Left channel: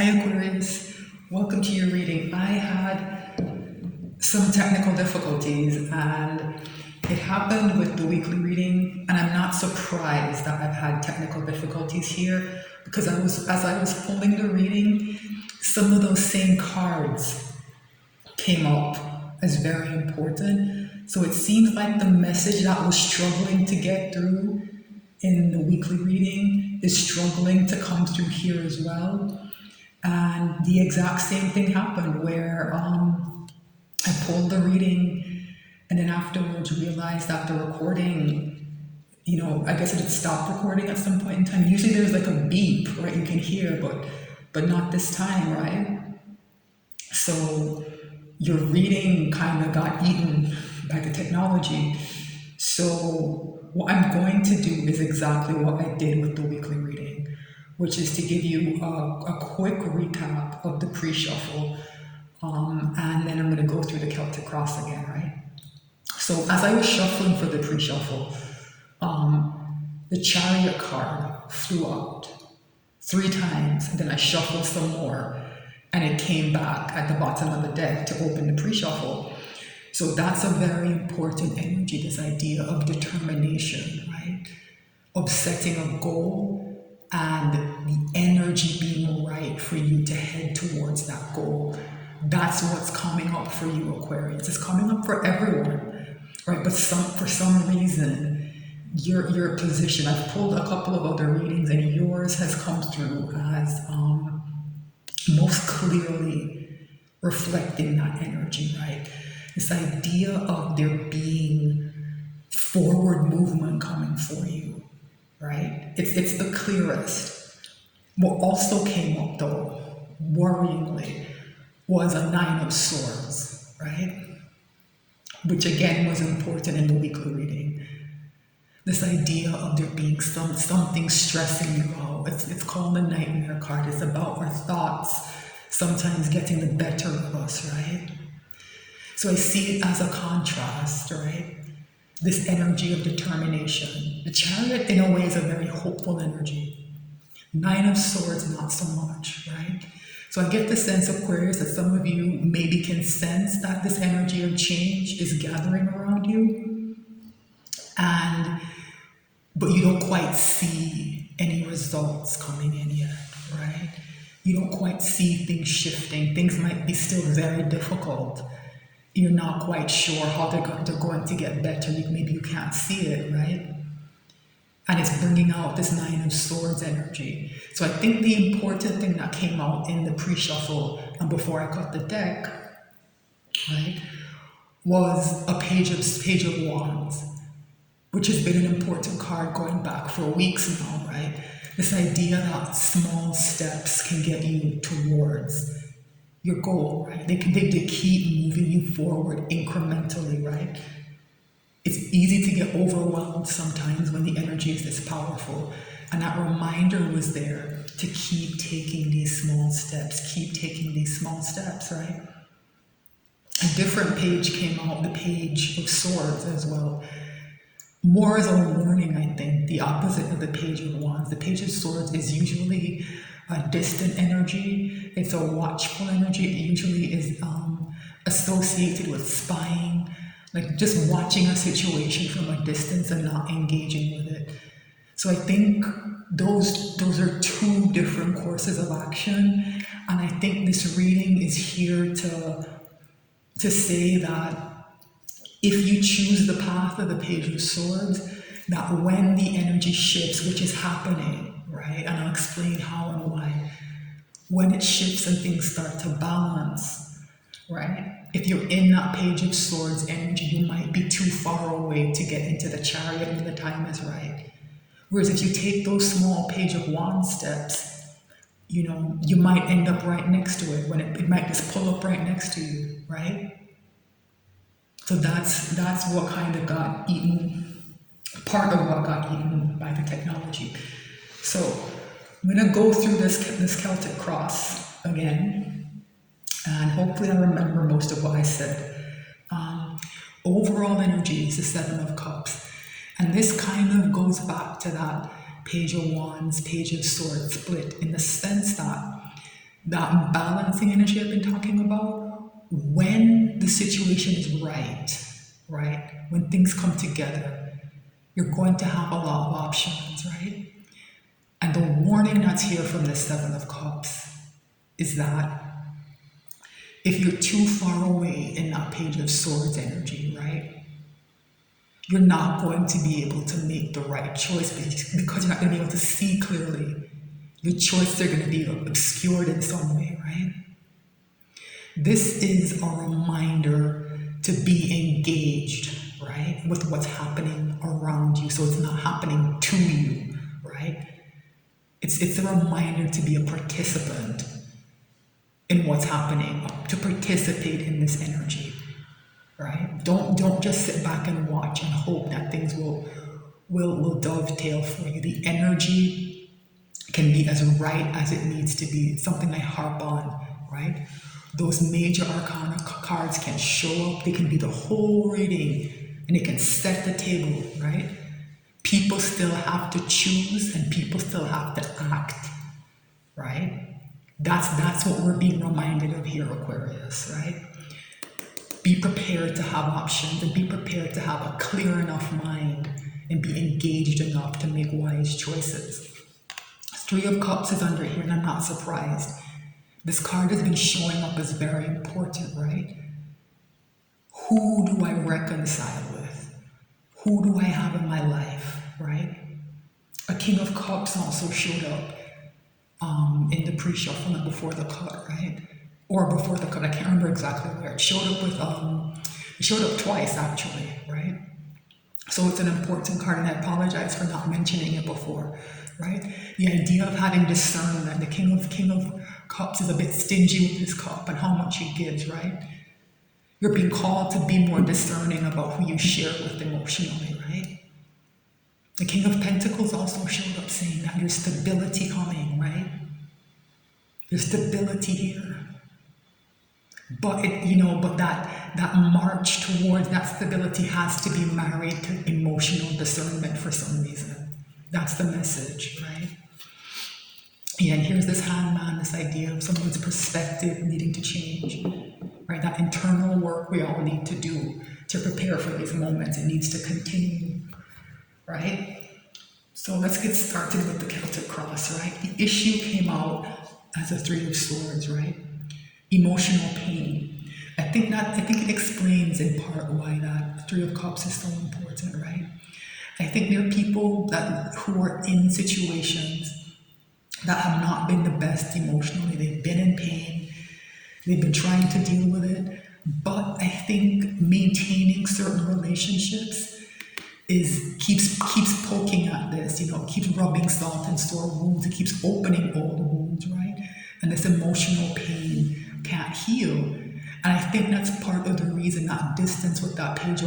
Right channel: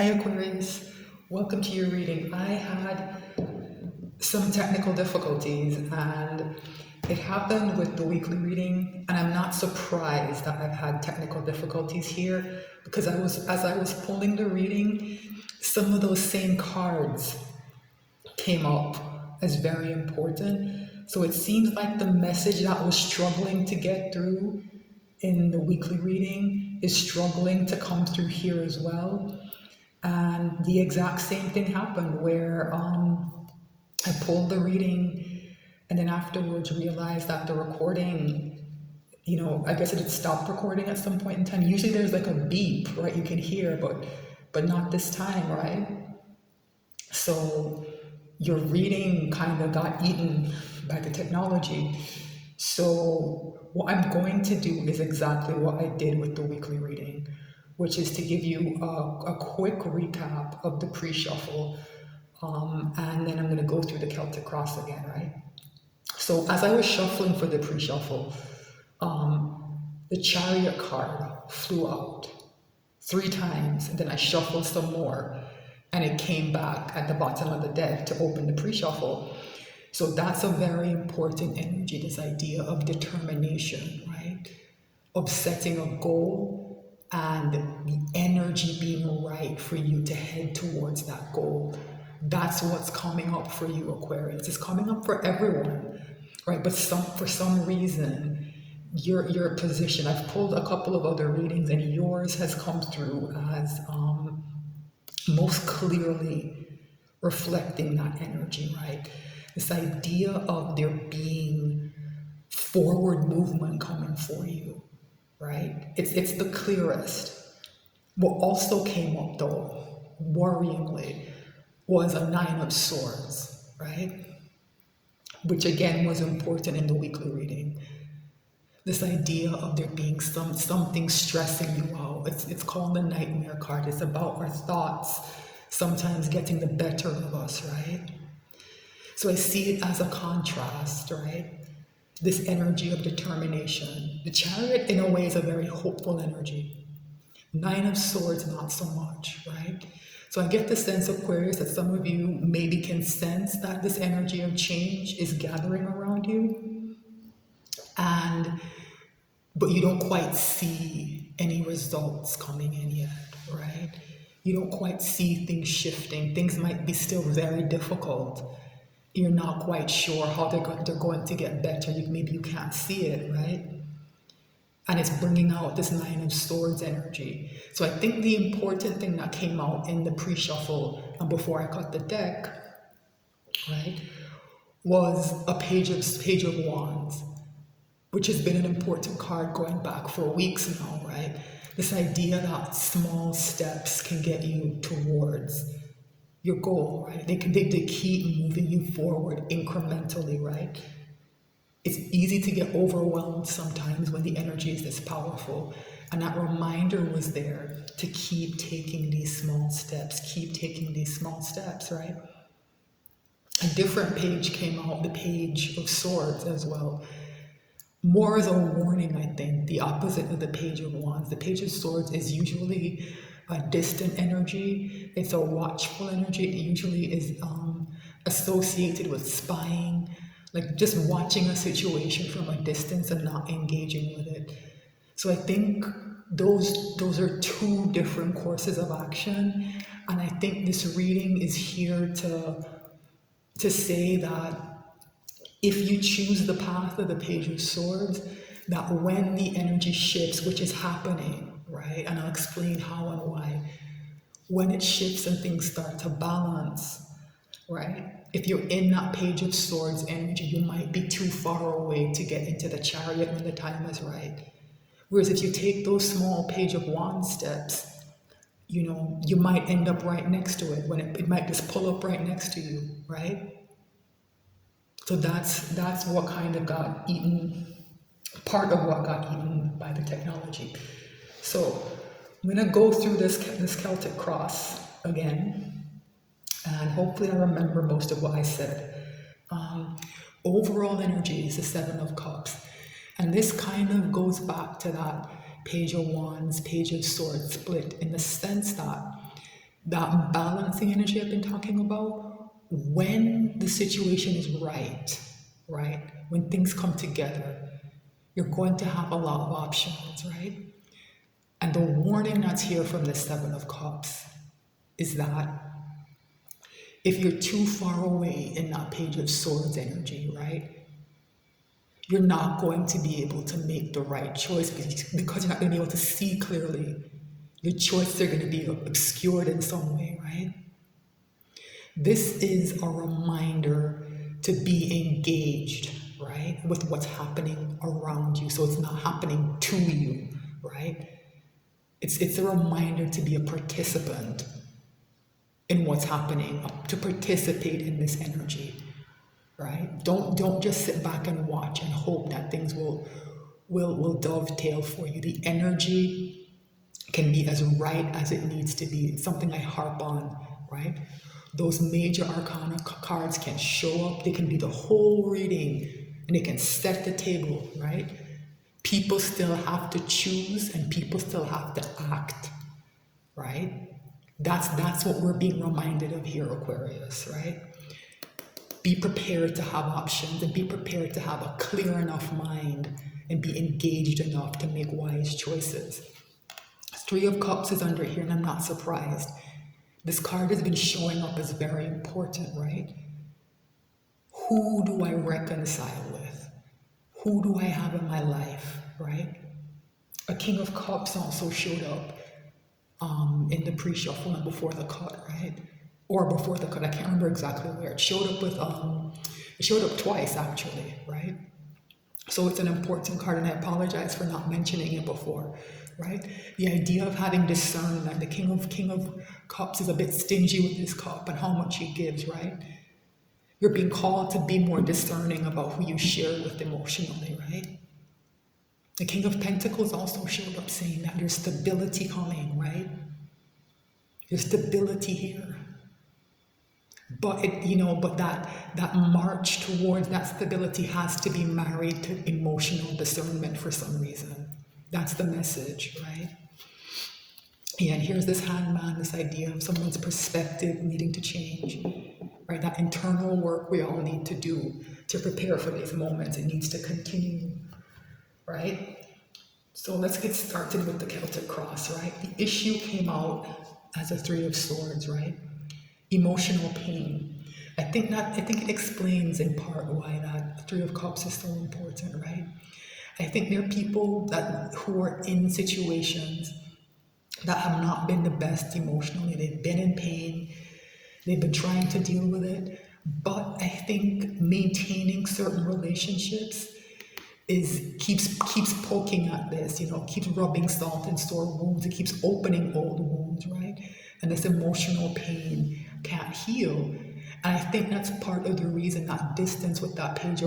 Hi Aquarius, welcome to your reading. I had some technical difficulties and it happened with the weekly reading, and I'm not surprised that I've had technical difficulties here because as I was pulling the reading, some of those same cards came up as very important. So it seems like the message that was struggling to get through in the weekly reading is struggling to come through here as well. And the exact same thing happened where I pulled the reading and then afterwards realized that the recording, I guess it had stopped recording at some point in time. Usually there's like a beep, right? You can hear, but not this time, right? So your reading kind of got eaten by the technology. So what I'm going to do is exactly what I did with the weekly reading, which is to give you a quick recap of the pre-shuffle, and then I'm going to go through the Celtic cross again, right? So as I was shuffling for the pre-shuffle, the Chariot card flew out 3 times, and then I shuffled some more, and it came back at the bottom of the deck to open the pre-shuffle. So that's a very important energy, this idea of determination, right? Of setting a goal and the energy being right for you to head towards that goal. That's what's coming up for you, Aquarius. It's coming up for everyone, right? But for some reason, your position, I've pulled a couple of other readings and yours has come through as most clearly reflecting that energy, right? This idea of there being forward movement coming for you, right? It's the clearest. What also came up though, worryingly, was a 9 of Swords, right? Which again was important in the weekly reading. This idea of there being something stressing you out. It's called the Nightmare card. It's about our thoughts sometimes getting the better of us, right? So I see it as a contrast, right? This energy of determination. The Chariot, in a way, is a very hopeful energy. 9 of Swords, not so much, right? So I get the sense, Aquarius, that some of you maybe can sense that this energy of change is gathering around you, but you don't quite see any results coming in yet, right? You don't quite see things shifting. Things might be still very difficult. You're not quite sure how they're going to get better. Maybe you can't see it, right? And it's bringing out this 9 of Swords energy. So I think the important thing that came out in the pre-shuffle and before I cut the deck, right, was a page of Wands, which has been an important card going back for weeks now, right? This idea that small steps can get you towards your goal, right? They keep moving you forward incrementally, right? It's easy to get overwhelmed sometimes when the energy is this powerful. And that reminder was there to keep taking these small steps, right? A different page came out, the Page of Swords as well. More as a warning, I think, the opposite of the Page of Wands. The Page of Swords is usually a distant energy. It's a watchful energy. It usually is associated with spying, like just watching a situation from a distance and not engaging with it. So I think those are 2 different courses of action, and I think this reading is here to say that if you choose the path of the Page of Swords, that when the energy shifts, which is happening, right? And I'll explain how and why. When it shifts and things start to balance, right? If you're in that Page of Swords energy, you might be too far away to get into the Chariot when the time is right. Whereas if you take those small Page of Wands steps, you might end up right next to it when it might just pull up right next to you, right? So that's what kind of got eaten, part of what got eaten by the technology. So I'm going to go through this Celtic cross again, and hopefully I remember most of what I said. Overall energy is the 7 of Cups, and this kind of goes back to that Page of Wands, Page of Swords split in the sense that that balancing energy I've been talking about, when the situation is right? When things come together, you're going to have a lot of options, right? And the warning that's here from the Seven of Cups is that if you're too far away in that Page of Swords energy, right, you're not going to be able to make the right choice because you're not going to be able to see clearly. Your choices are going to be obscured in some way, right? This is a reminder to be engaged, right, with what's happening around you, so it's not happening to you, right? It's a reminder to be a participant in what's happening, to participate in this energy, right? Don't just sit back and watch and hope that things will dovetail for you. The energy can be as right as it needs to be. It's something I harp on, right? Those major arcana cards can show up. They can be the whole reading, and they can set the table, right? People still have to choose, and people still have to act, right? That's what we're being reminded of here, Aquarius, right? Be prepared to have options, and be prepared to have a clear enough mind and be engaged enough to make wise choices. Three of Cups is under here, and I'm not surprised. This card has been showing up as very important, right? Who do I reconcile with? Who do I have in my life, right? A King of Cups also showed up in the pre-shuffle and before the cut, right? Or before the cut, I can't remember exactly where. It showed up it showed up twice actually, right? So it's an important card, and I apologize for not mentioning it before, right? The idea of having discernment. The King of Cups is a bit stingy with his cup and how much he gives, right? You're being called to be more discerning about who you share with emotionally, right? The King of Pentacles also showed up saying that there's stability coming, right? There's stability here. But but that march towards that stability has to be married to emotional discernment for some reason. That's the message, right? Yeah, and here's this hangman, this idea of someone's perspective needing to change, right? That internal work we all need to do to prepare for these moments. It needs to continue, right? So let's get started with the Celtic cross, right? The issue came out as a Three of Swords, right? Emotional pain. I think it explains in part why that Three of Cups is so important, right? I think there are people who are in situations that have not been the best emotionally. They've been in pain. They've been trying to deal with it. But I think maintaining certain relationships keeps poking at this, keeps rubbing salt in sore wounds. It keeps opening old wounds, right? And this emotional pain can't heal. And I think that's part of the reason that distance with that page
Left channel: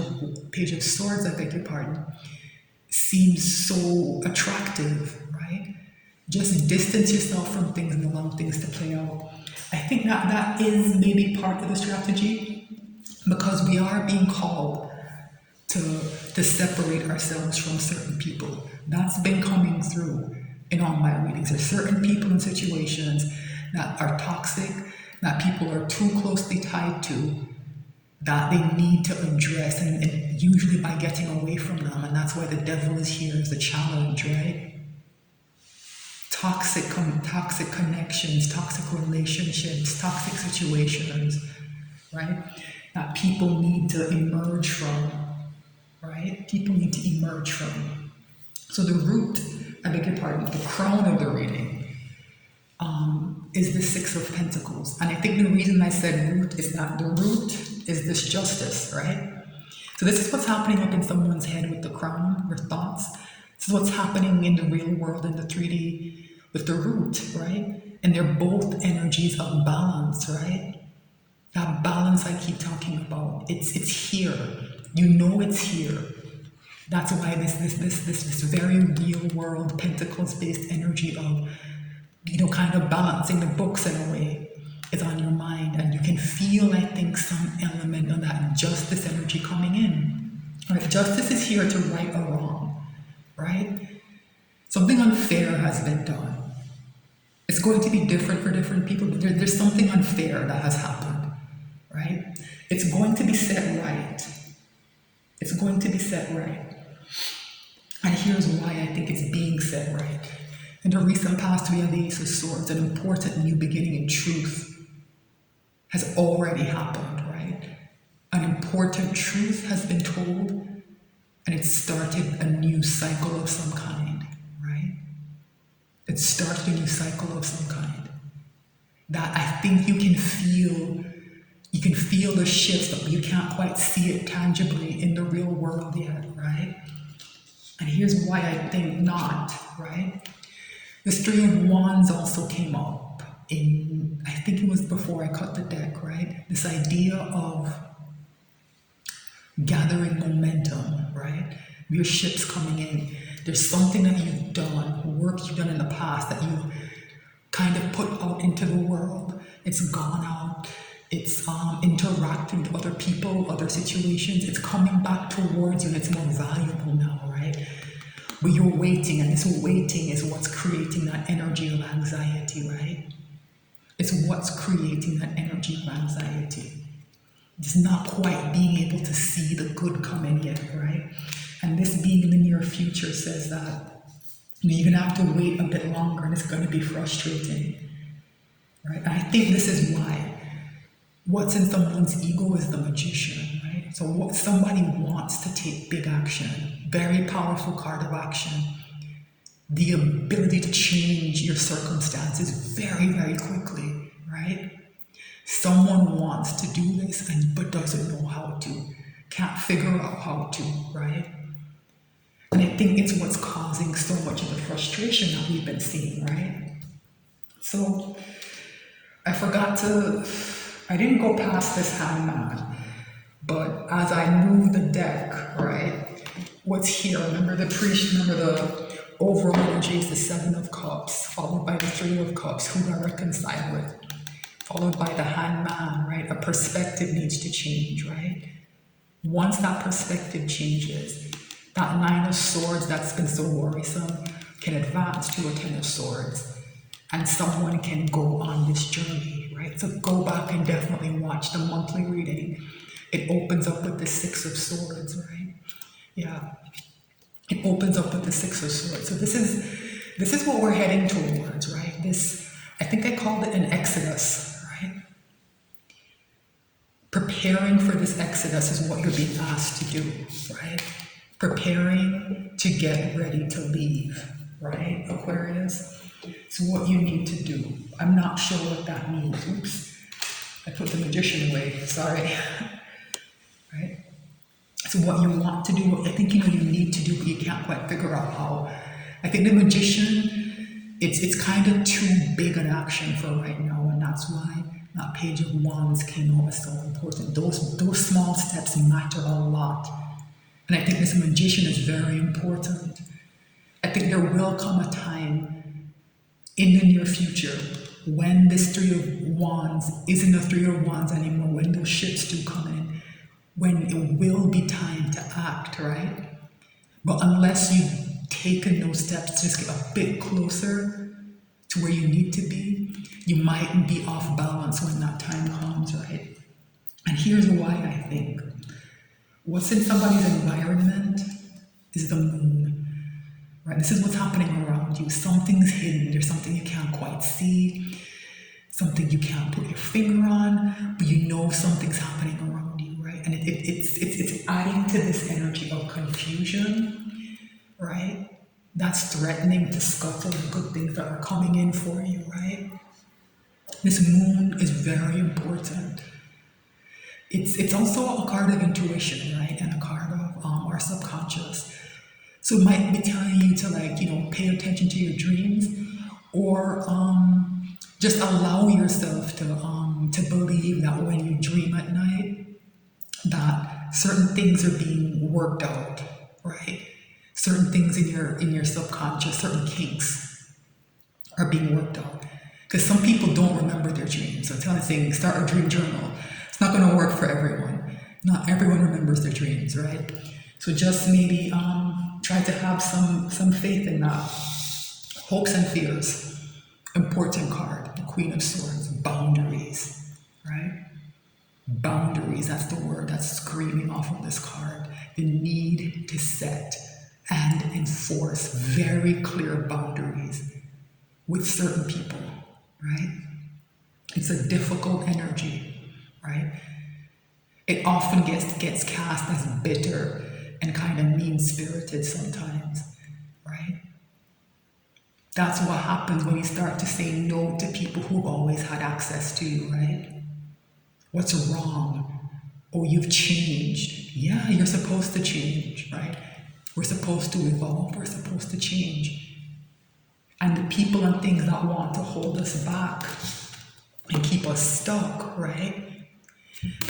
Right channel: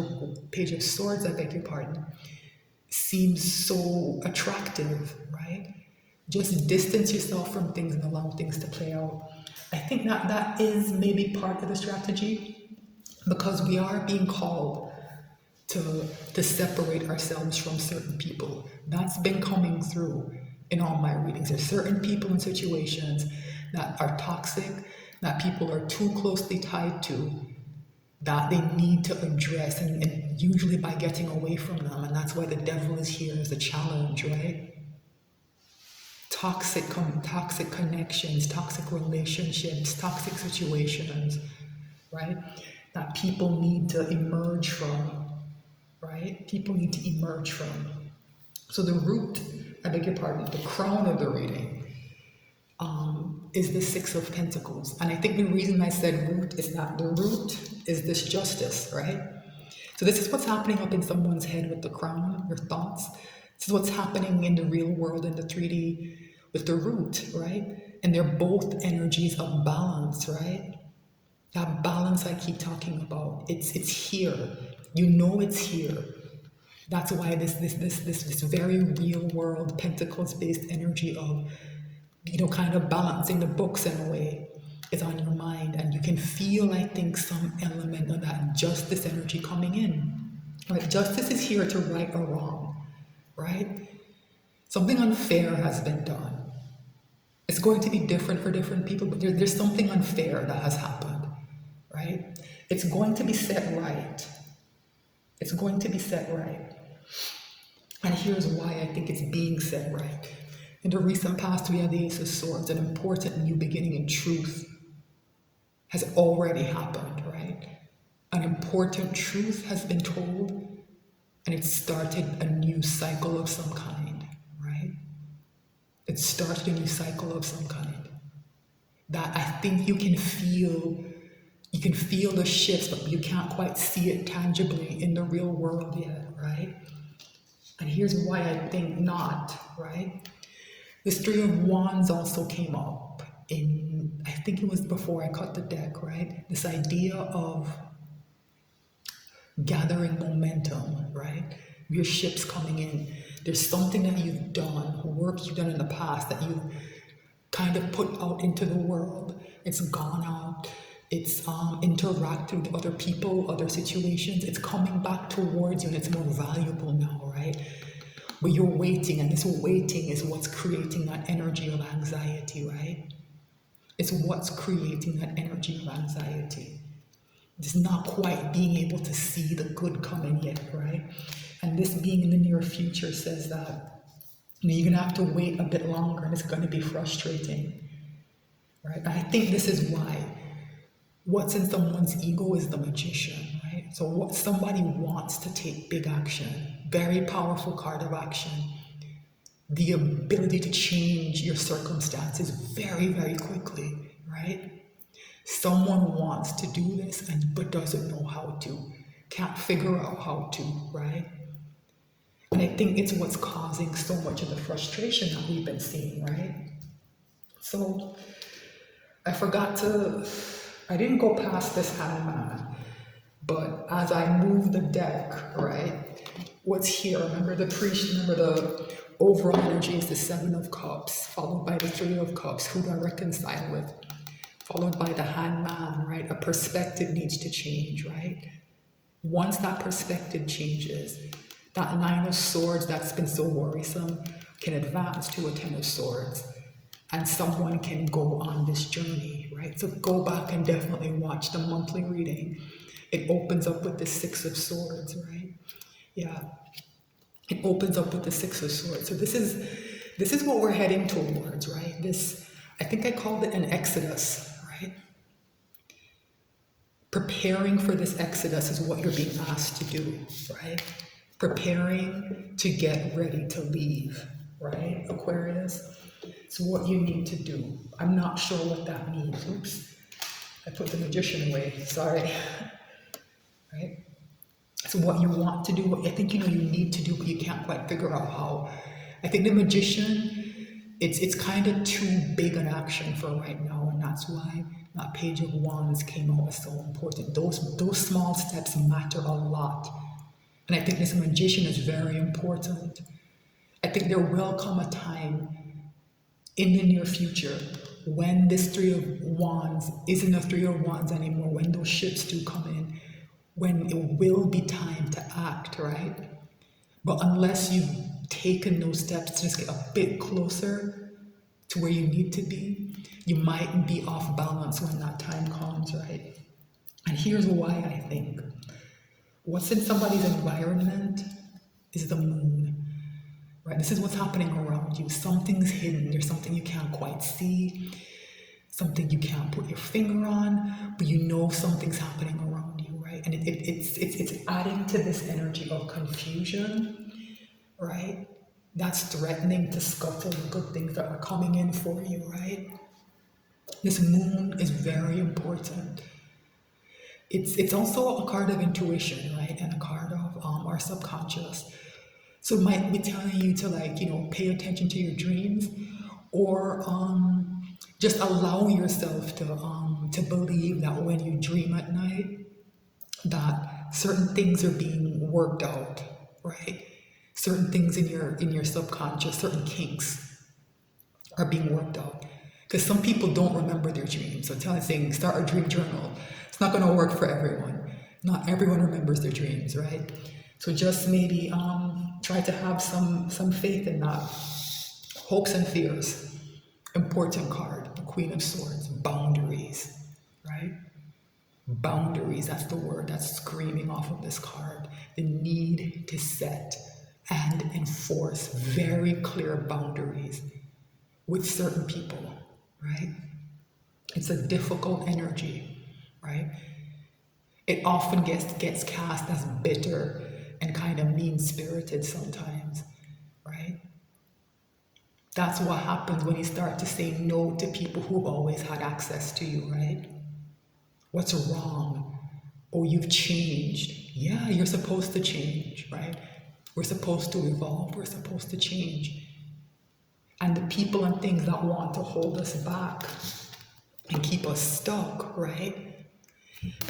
of swords, I beg your pardon, seems so attractive, right? Just distance yourself from things and allow things to play out. I think that is maybe part of the strategy, because we are being called to separate ourselves from certain people. That's been coming through in all my readings. There's certain people and situations that are toxic, that people are too closely tied to, that they need to address, and usually by getting away from them. And that's why the devil is here as a challenge, right? Toxic connections, toxic relationships, toxic situations, right? That people need to emerge from, right? People need to emerge from. So the root, I beg your pardon, the crown of the reading is the Six of Pentacles. And I think the reason I said root is that the root is this justice, right? So this is what's happening up in someone's head with the crown, your thoughts. This is what's happening in the real world, in the 3D, with the root, right? And they're both energies of balance, right? That balance I keep talking about, it's here. You know it's here. That's why this very real world Pentacles-based energy of, kind of balancing the books in a way is on your mind, and you can feel, I think, some element of that justice energy coming in. Right? Justice is here to right or wrong, right? Something unfair has been done. It's going to be different for different people, but there's something unfair that has happened, right? It's going to be set right. It's going to be set right. And here's why I think it's being set right. In the recent past, we have the Ace of Swords, an important new beginning in truth has already happened, right? An important truth has been told, and it started a new cycle of some kind, right? It started a new cycle of some kind. That I think you can feel the shifts, but you can't quite see it tangibly in the real world yet, right? And here's why I think not, right? This Three of Wands also came up in, I think it was before I cut the deck, right? This idea of gathering momentum, right? Your ship's coming in. There's something that you've done, work you've done in the past that you've kind of put out into the world. It's gone out. It's interacting with other people, other situations. It's coming back towards you and it's more valuable now, right? But you're waiting, and this waiting is what's creating that energy of anxiety, right? It's what's creating that energy of anxiety. It's not quite being able to see the good coming yet, right? And this being in the near future says that you're gonna have to wait a bit longer and it's gonna be frustrating, right? And I think this is why what's in someone's ego is the Magician, right? So what somebody wants to take big action, very powerful card of action, the ability to change your circumstances very, very quickly, right? Someone wants to do this but doesn't know how to, can't figure out how to, right? And I think it's what's causing so much of the frustration that we've been seeing, right? So I didn't go past this hangman, but as I move the deck, right, what's here? Remember the overall energy is the Seven of Cups, followed by the Three of Cups, who I reconcile with, followed by the hangman, right? A perspective needs to change, right? Once that perspective changes, that Nine of Swords that's been so worrisome can advance to a Ten of Swords, and someone can go on this journey, right? So go back and definitely watch the monthly reading. It opens up with the Six of Swords, right? Yeah, it opens up with the Six of Swords. So this is what we're heading towards, right? I think I called it an exodus, right? Preparing for this exodus is what you're being asked to do, right? Preparing to get ready to leave, right, Aquarius? It's what you need to do. I'm not sure what that means. Oops, I put the Magician away, sorry. Right? It's what you want to do, what I think you need to do, but you can't quite figure out how. I think the Magician, it's kind of too big an action for right now, and that's why that Page of Wands came out as so important. Those small steps matter a lot. And I think this Magician is very important. I think there will come a time in the near future when this Three of Wands isn't a Three of Wands anymore, when those ships do come in, when it will be time to act, right? But unless you've taken those steps to just get a bit closer to where you need to be, you might be off balance when that time comes, right? And here's why I think. What's in somebody's environment is the moon, right? This is what's happening around you. Something's hidden. There's something you can't quite see, something you can't put your finger on, but you know something's happening around you, right? And it's adding to this energy of confusion, right? That's threatening to scuttle the good things that are coming in for you, right? This moon is very important. It's also a card of intuition, right? And a card of our subconscious. So it might be telling you to pay attention to your dreams, or just allow yourself to believe that when you dream at night, that certain things are being worked out, right? Certain things in your subconscious, certain kinks are being worked out. Because some people don't remember their dreams. So saying start a dream journal. It's not going to work for everyone. Not everyone remembers their dreams, right? So just maybe try to have some faith in that. Hopes and fears. important card, the Queen of Swords, boundaries, right? Boundaries, that's the word that's screaming off of this card. The need to set and enforce very clear boundaries with certain people, right? It's a difficult energy, right? It often gets cast as bitter and kind of mean-spirited sometimes, right? That's what happens when you start to say no to people who've always had access to you, right? What's wrong? Oh, you've changed. Yeah, you're supposed to change, right? We're supposed to evolve. We're supposed to change. And the people and things that want to hold us back and keep us stuck, right?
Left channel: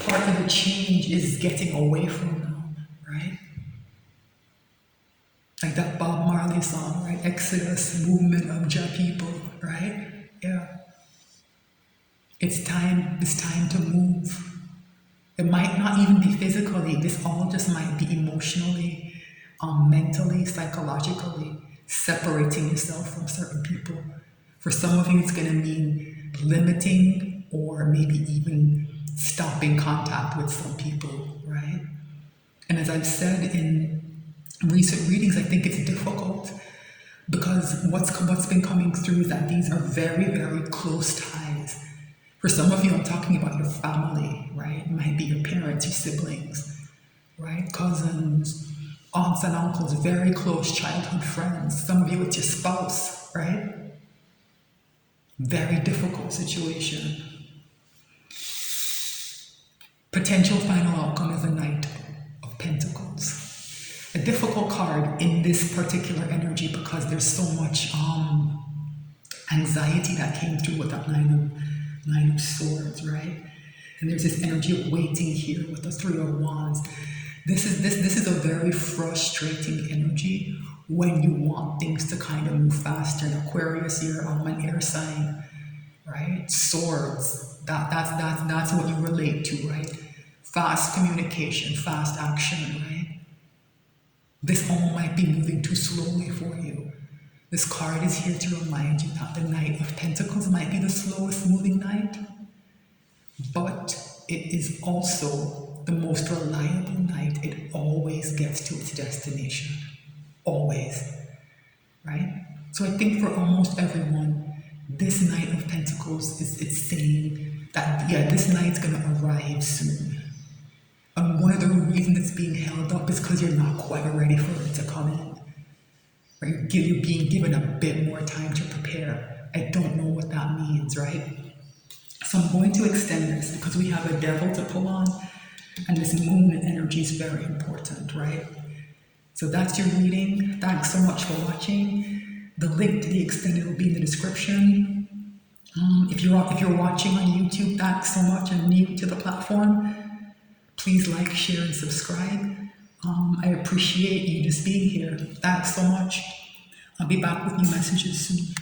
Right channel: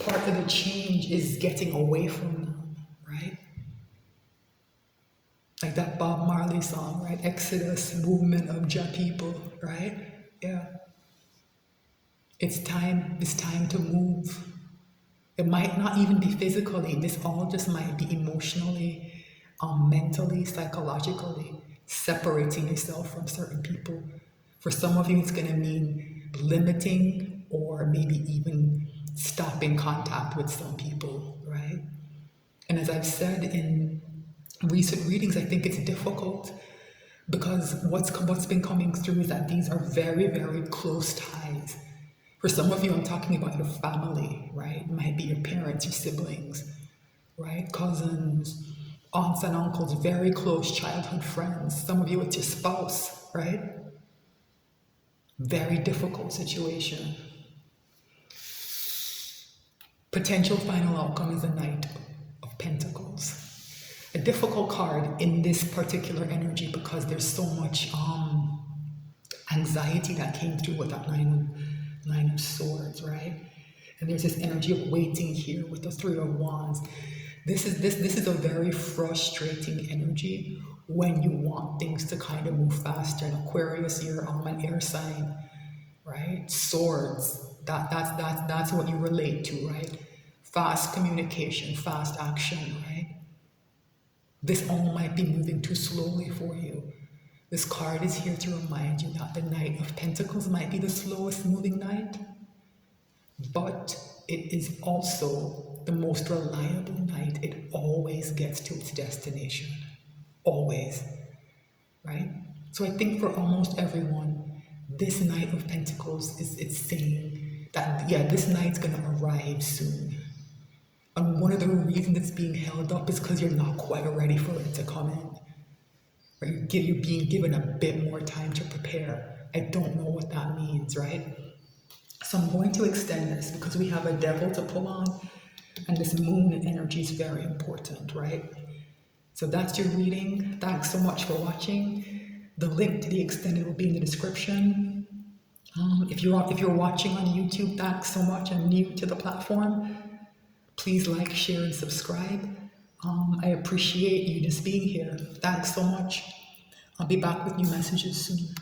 Part of the change is getting away from them, right? Like that Bob Marley song, right? Exodus, movement of Jah people, right? Yeah. It's time to move. It might not even be physically, this all just might be emotionally, mentally, psychologically, separating yourself from certain people. For some of you, it's going to mean limiting or maybe even stopping contact with some people, right? And as I've said in recent readings, I think it's difficult because what's been coming through is that these are very, very close ties. For some of you, I'm talking about your family, right? It might be your parents, your siblings, right? Cousins, aunts and uncles, very close childhood friends. Some of you, it's your spouse, right? Very difficult situation. Potential final outcome is a Knight of Pentacles. A difficult card in this particular energy because there's so much anxiety that came through with that Nine of Swords, right? And there's this energy of waiting here with the Three of Wands. This is a very frustrating energy when you want things to kind of move faster. In Aquarius, you're an air sign, right? Swords, that's what you relate to, right? Fast communication, fast action, right? This all might be moving too slowly for you. This card is here to remind you that the Knight of Pentacles might be the slowest moving knight, but it is also the most reliable knight. It always gets to its destination. Always. Right? So I think for almost everyone, this Knight of Pentacles it's saying that, yeah, this knight's going to arrive soon. And one of the reasons it's being held up is because you're not quite ready for it to come in. Right? You're being given a bit more time to prepare. I don't know what that means, right? So I'm going to extend this because we have a devil to pull on, and this moon energy is very important, right? So that's your reading. Thanks so much for watching. The link to the extended will be in the description. If you're watching on YouTube, thanks so much and new to the platform. Please like, share, and subscribe. I appreciate you just being here. Thanks so much. I'll be back with new messages soon.